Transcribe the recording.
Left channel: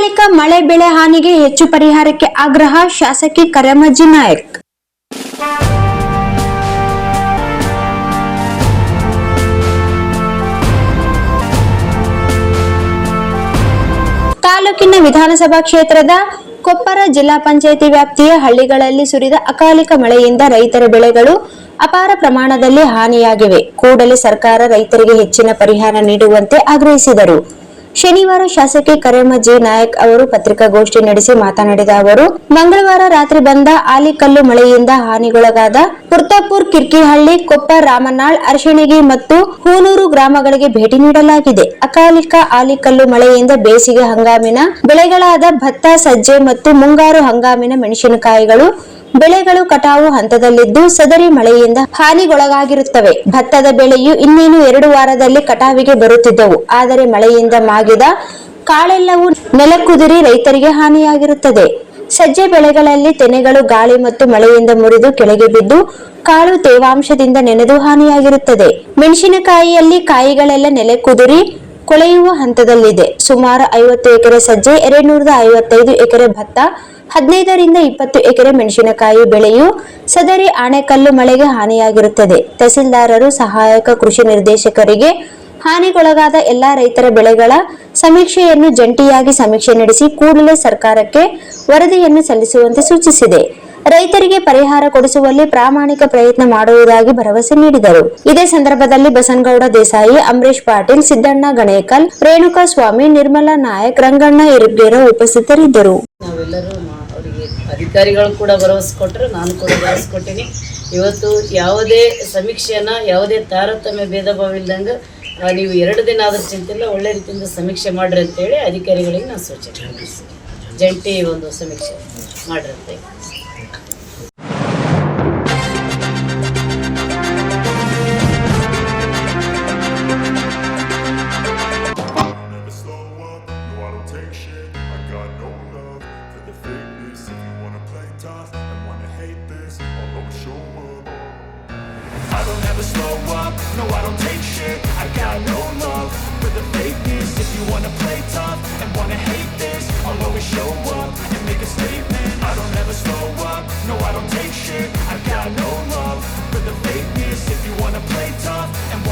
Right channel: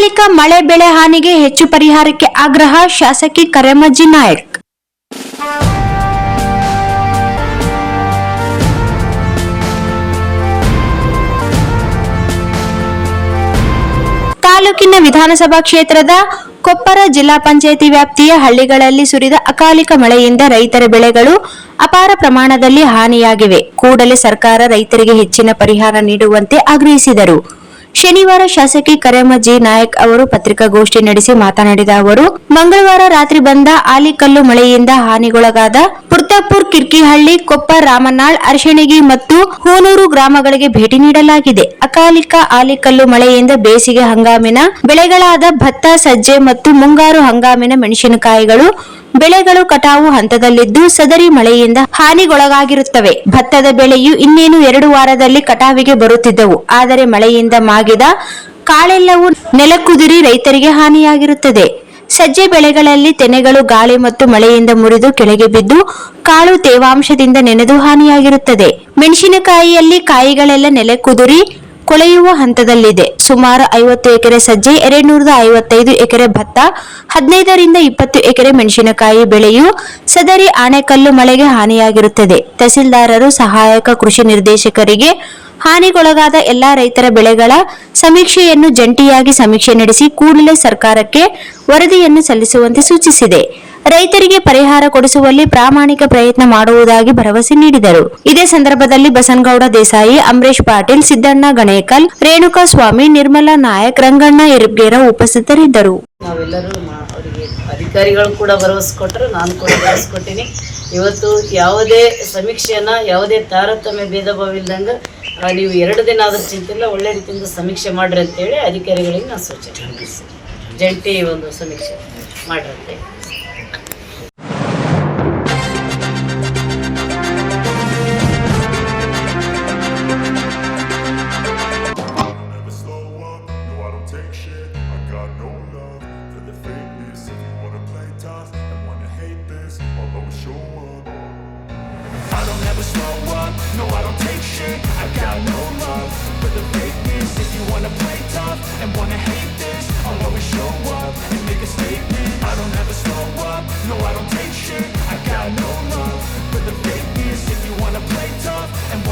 ಅಕಾಲಿಕ ಮಳೆ ಬೆಳೆ ಹಾನಿಗೆ ಹೆಚ್ಚು ಪರಿಹಾರಕ್ಕೆ ಆಗ್ರಹ ಶಾಸಕಿ ಕರೆಮಜ್ಜಿ ನಾಯಕ್. ತಾಲೂಕಿನ ವಿಧಾನಸಭಾ ಕ್ಷೇತ್ರದ ಕೊಪ್ಪರ ಜಿಲ್ಲಾ ಪಂಚಾಯಿತಿ ವ್ಯಾಪ್ತಿಯ ಹಳ್ಳಿಗಳಲ್ಲಿ ಸುರಿದ ಅಕಾಲಿಕ ಮಳೆಯಿಂದ ರೈತರ ಬೆಳೆಗಳು ಅಪಾರ ಪ್ರಮಾಣದಲ್ಲಿ ಹಾನಿಯಾಗಿವೆ. ಕೂಡಲೇ ಸರ್ಕಾರ ರೈತರಿಗೆ ಹೆಚ್ಚಿನ ಪರಿಹಾರ ನೀಡುವಂತೆ ಆಗ್ರಹಿಸಿದರು. ಶನಿವಾರ ಶಾಸಕಿ ಕರೆಮಜ್ಜಿ ನಾಯಕ್ ಅವರು ಪತ್ರಿಕಾಗೋಷ್ಠಿ ನಡೆಸಿ ಮಾತನಾಡಿದ ಅವರು, ಮಂಗಳವಾರ ರಾತ್ರಿ ಬಂದ ಆಲಿಕಲ್ಲು ಮಳೆಯಿಂದ ಹಾನಿಗೊಳಗಾದ ಪುರ್ತಾಪುರ್, ಕಿರ್ಕಿಹಳ್ಳಿ, ಕೊಪ್ಪರ್, ರಾಮನಾಳ್, ಅರಶಣಗಿ ಮತ್ತು ಹೂನೂರು ಗ್ರಾಮಗಳಿಗೆ ಭೇಟಿ ನೀಡಲಾಗಿದೆ. ಅಕಾಲಿಕ ಆಲಿಕಲ್ಲು ಮಳೆಯಿಂದ ಬೇಸಿಗೆ ಹಂಗಾಮಿನ ಬೆಳೆಗಳಾದ ಭತ್ತ, ಸಜ್ಜೆ ಮತ್ತು ಮುಂಗಾರು ಹಂಗಾಮಿನ ಮೆಣಸಿನಕಾಯಿಗಳು ಬೆಳೆಗಳು ಕಟಾವು ಹಂತದಲ್ಲಿದ್ದು ಸದರಿ ಮಳೆಯಿಂದ ಹಾನಿಗೊಳಗಾಗಿರುತ್ತವೆ. ಭತ್ತದ ಬೆಳೆಯು ಇನ್ನೇನು 2 ವಾರದಲ್ಲಿ ಕಟಾವಿಗೆ ಬರುತ್ತಿದ್ದವು. ಆದರೆ ಮಳೆಯಿಂದ ಮಾಗಿದ ಕಾಳೆಲ್ಲವೂ ನೆಲಕ್ಕುದುರಿ ರೈತರಿಗೆ ಹಾನಿಯಾಗಿರುತ್ತದೆ. ಸಜ್ಜೆ ಬೆಳೆಗಳಲ್ಲಿ ತೆನೆಗಳು ಗಾಳಿ ಮತ್ತು ಮಳೆಯಿಂದ ಮುರಿದು ಕೆಳಗೆ ಬಿದ್ದು ಕಾಳು ತೇವಾಂಶದಿಂದ ನೆನೆದು ಹಾನಿಯಾಗಿರುತ್ತದೆ. ಮೆಣಸಿನಕಾಯಿಯಲ್ಲಿ ಕಾಯಿಗಳೆಲ್ಲ ನೆಲಕ್ಕುದುರಿ ಕೊಳೆಯುವ ಹಂತದಲ್ಲಿದೆ. ಸುಮಾರು 50 ಎಕರೆ ಸಜ್ಜೆ, 255 ಎಕರೆ ಭತ್ತ, 15 ರಿಂದ 20 ಎಕರೆ ಮೆಣಸಿನಕಾಯಿ ಬೆಳೆಯು ಸದರಿ ಆಣೆಕಲ್ಲು ಮಳೆಗೆ ಹಾನಿಯಾಗಿರುತ್ತದೆ. ತಹಸೀಲ್ದಾರರು, ಸಹಾಯಕ ಕೃಷಿ ನಿರ್ದೇಶಕರಿಗೆ ಹಾನಿಗೊಳಗಾದ ಎಲ್ಲಾ ರೈತರ ಬೆಳೆಗಳ ಸಮೀಕ್ಷೆಯನ್ನು ಜಂಟಿಯಾಗಿ ಸಮೀಕ್ಷೆ ನಡೆಸಿ ಕೂಡಲೇ ಸರ್ಕಾರಕ್ಕೆ ವರದಿಯನ್ನು ಸಲ್ಲಿಸುವಂತೆ ಸೂಚಿಸಿದೆ. ರೈತರಿಗೆ ಪರಿಹಾರ ಕೊಡಿಸುವಲ್ಲಿ ಪ್ರಾಮಾಣಿಕ ಪ್ರಯತ್ನ ಮಾಡುವುದಾಗಿ ಭರವಸೆ ನೀಡಿದರು. ಇದೇ ಸಂದರ್ಭದಲ್ಲಿ ಬಸನಗೌಡ ದೇಸಾಯಿ, ಅಂಬರೀಶ್ ಪಾಟೀಲ್, ಸಿದ್ದಣ್ಣ ಗಣೇಕಲ್, ರೇಣುಕಾ ಸ್ವಾಮಿ, ನಿರ್ಮಲಾ ನಾಯಕ್, ರಂಗಣ್ಣ ಇರ್ಗೇರ ಉಪಸ್ಥಿತರಿದ್ದರು. ನಾವೆಲ್ಲರೂ ಅವರಿಗೆ ಅಧಿಕಾರಿಗಳು ಕೂಡ ಭರವಸೆ ಕೊಟ್ಟರು, ನಾನು ಕೂಡ ಭರವಸೆ ಕೊಟ್ಟಿನಿ. ಇವತ್ತು ಯಾವುದೇ ಸಮೀಕ್ಷೆಯನ್ನ ಯಾವುದೇ ತಾರತಮ್ಯ ಭೇದ ಭಾವ ಇಲ್ದಂಗೆ ನೀವು 2 ದಿನ ಆದರೂ ಚಿಂತಿಲ್ಲ, ಒಳ್ಳೆ ರೀತಿಯಿಂದ ಸಮೀಕ್ಷೆ ಮಾಡ್ರಿ ಅಂತೇಳಿ ಅಧಿಕಾರಿಗಳಿಗೆ ನಾನು ಸೂಚನೆ ಮಾಡಿಸಿ ಜಂಟಿ ಒಂದು ಸಮೀಕ್ಷೆ ಮಾಡ್ರಿ ಅಂತೇಳಿ. I don't ever slow up, no I don't take shit, I got no